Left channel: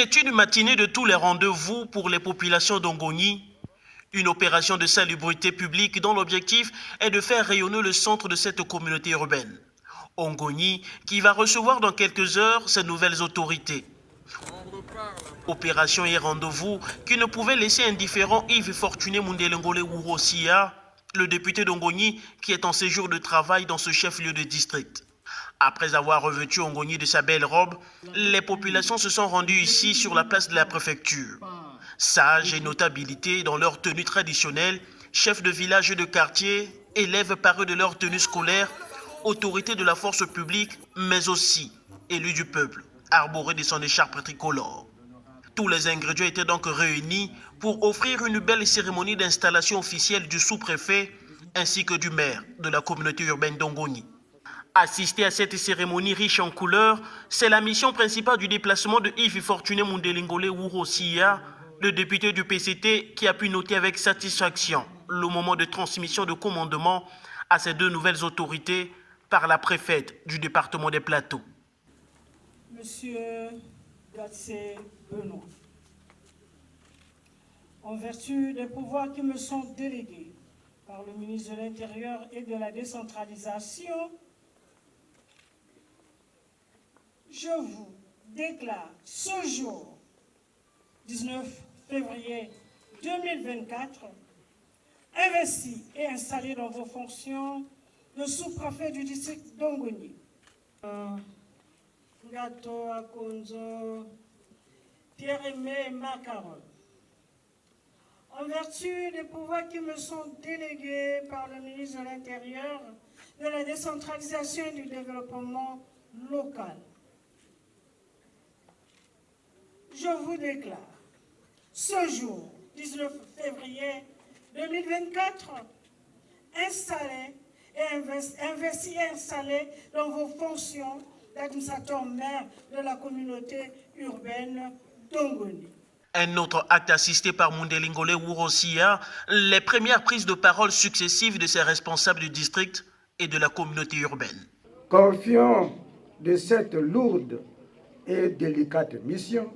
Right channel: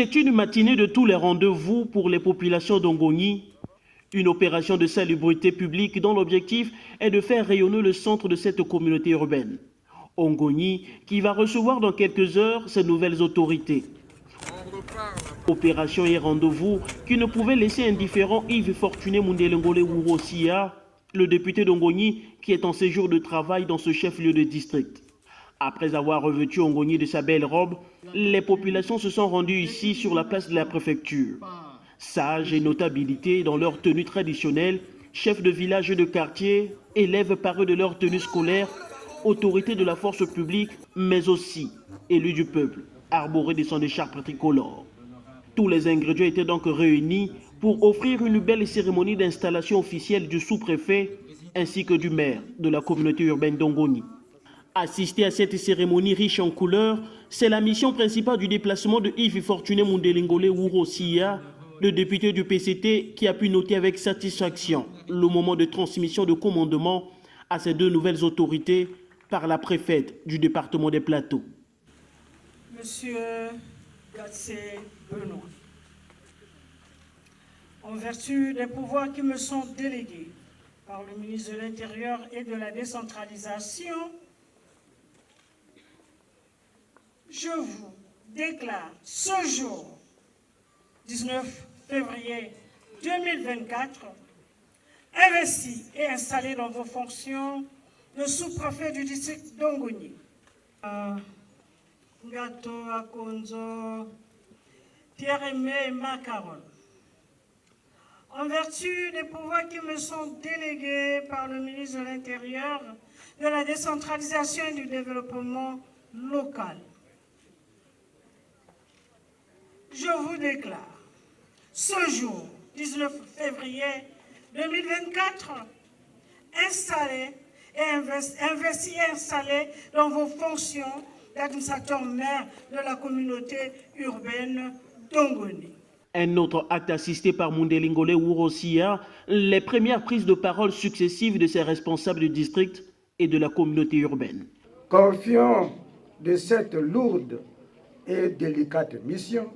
C'est une matinée de tous les rendez-vous pour les populations d'Ongoni, une opération de salubrité publique dont l'objectif est de faire rayonner le centre de cette communauté urbaine. Ongoni qui va recevoir dans quelques heures ses nouvelles autorités. Opération et rendez-vous qui ne pouvait laisser indifférent Yves Fortuné Mundelengole Wurosia, le député d'Ongoni qui est en séjour de travail dans ce chef-lieu de district. Après avoir revêtu Ongoni de sa belle robe, les populations se sont rendues ici sur la place de la préfecture. Sages et notabilités dans leur tenue traditionnelle, chefs de village et de quartier, élèves parés de leur tenue scolaire, autorités de la force publique, mais aussi élus du peuple, arborés de son écharpe tricolore. Tous les ingrédients étaient donc réunis pour offrir une belle cérémonie d'installation officielle du sous-préfet ainsi que du maire de la communauté urbaine d'Ongoni. Assister à cette cérémonie riche en couleurs, c'est la mission principale du déplacement de Yves Fortuné Mundelengole Wurosia, le député du PCT qui a pu noter avec satisfaction le moment de transmission de commandement à ces deux nouvelles autorités par la préfète du département des Plateaux. Monsieur Gatsé Benoît, en vertu des pouvoirs qui me sont délégués par le ministre de l'Intérieur et de la décentralisation, je vous déclare ce jour, 19 février 2024, investi et installé dans vos fonctions de sous-préfet du district d'Ongoni. Gato Akonzo, Pierre-Aimé Macaron. En vertu des pouvoirs qui me sont délégués par le ministre de l'Intérieur, de la décentralisation et du développement local, je vous déclare ce jour, 19 février 2024, installé et investi et installé dans vos fonctions d'administrateur maire de la communauté urbaine d'Ongoni. Un autre acte assisté par Mundelengole Wurosia, les premières prises de parole successives de ses responsables du district et de la communauté urbaine. Confiant de cette lourde et délicate mission,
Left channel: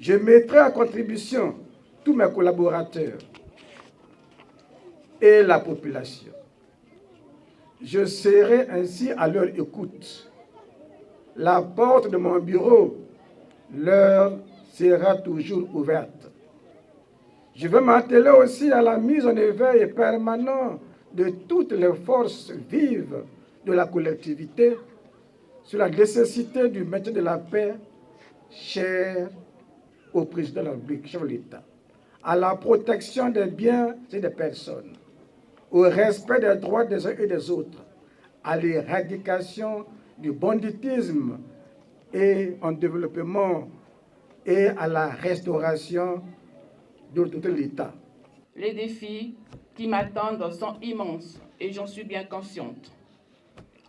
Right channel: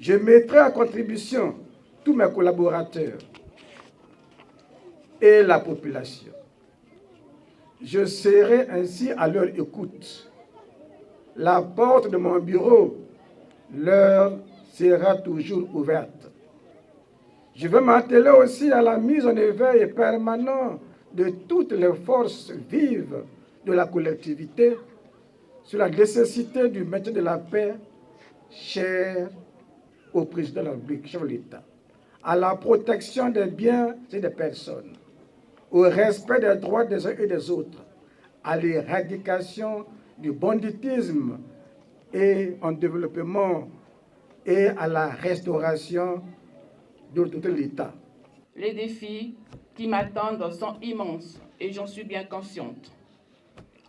je mettrai à contribution tous mes collaborateurs et la population. Je serai ainsi à leur écoute. La porte de mon bureau leur sera toujours ouverte. Je veux m'atteler aussi à la mise en éveil permanent de toutes les forces vives de la collectivité sur la nécessité du maintien de la paix, cher au président de la République, chef de l'État, à la protection des biens et des personnes, au respect des droits des uns et des autres, à l'éradication du banditisme et en développement et à la restauration de tout l'État. Les défis qui m'attendent sont immenses et j'en suis bien consciente.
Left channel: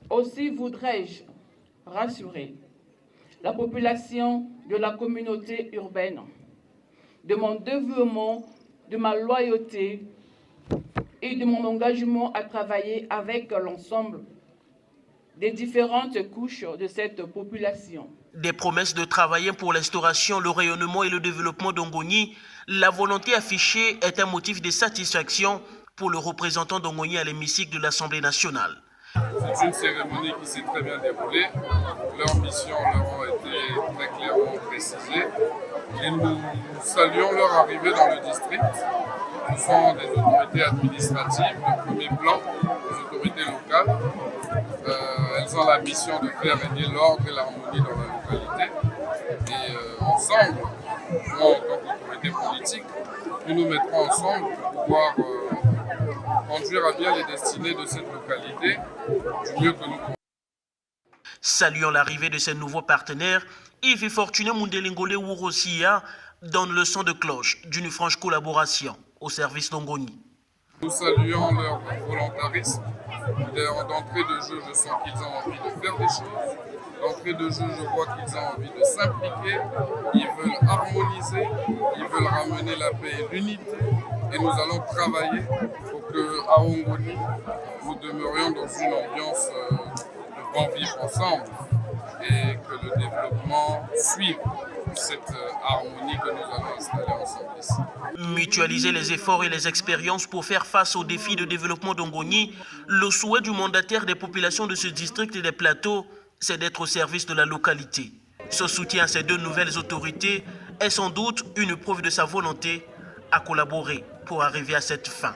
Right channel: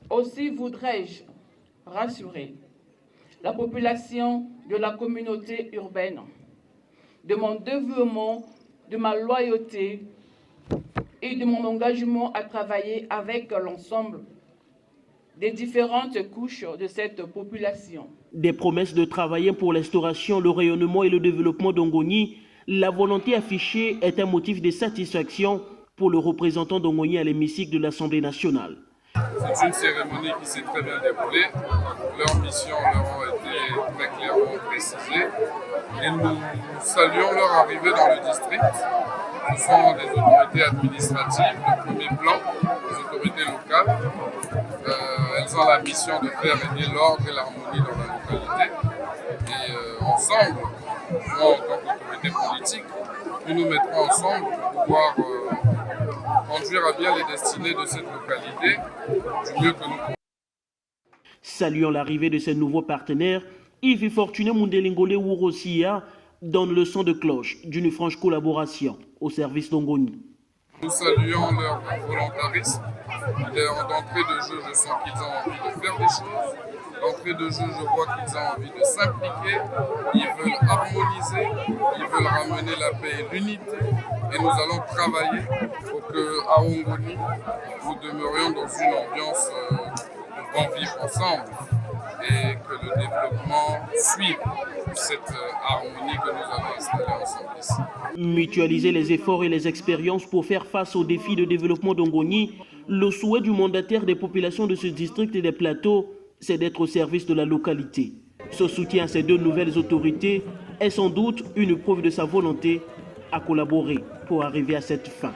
Aussi voudrais-je rassurer la population de la communauté urbaine de mon dévouement, de ma loyauté et de mon engagement à travailler avec l'ensemble des différentes couches de cette population. Des promesses de travailler pour l'instauration, le rayonnement et le développement d'Ongoni, la volonté affichée est un motif de satisfaction pour le représentant d'Ongoni à l'hémicycle de l'Assemblée nationale. C'est une cérémonie qui s'est très bien déroulée. Leurs missions leur ont été très clairement précisées. Et nous saluons leur arrivée dans le district. Ce sont des autorités administratives de premier plan, des autorités locales. Elles ont la mission de faire régner l'ordre et l'harmonie dans la localité. Et ensemble, moi en tant qu'autorité politique, nous nous mettrons ensemble pour pouvoir conduire à bien les destinées de cette localité du mieux que nous pouvons. Saluant l'arrivée de ces nouveaux partenaires, Yves Fortuné Mundelengole Wurosia donne le son de cloche d'une franche collaboration au service d'Ongoni. Nous saluons leur volontarisme. D'entrée de jeu, je sens qu'ils ont envie de faire des choses. D'entrée de jeu, je vois qu'ils ont envie de s'impliquer. Ils veulent harmoniser, ils veulent ramener la paix et l'unité. Et nous allons travailler pour qu'à Ongoni, nous demeurions dans une ambiance de bon vivre ensemble et que le développement suive. cette harmonie que nous allons installer ensemble ici. Mutualiser les efforts et les expériences pour faire face aux défis de développement d'Ongoni, le souhait du mandataire des populations de ce district et des plateaux, c'est d'être au service de la localité. Ce soutien à ces deux nouvelles autorités est sans doute une preuve de sa volonté à collaborer pour arriver à cette fin.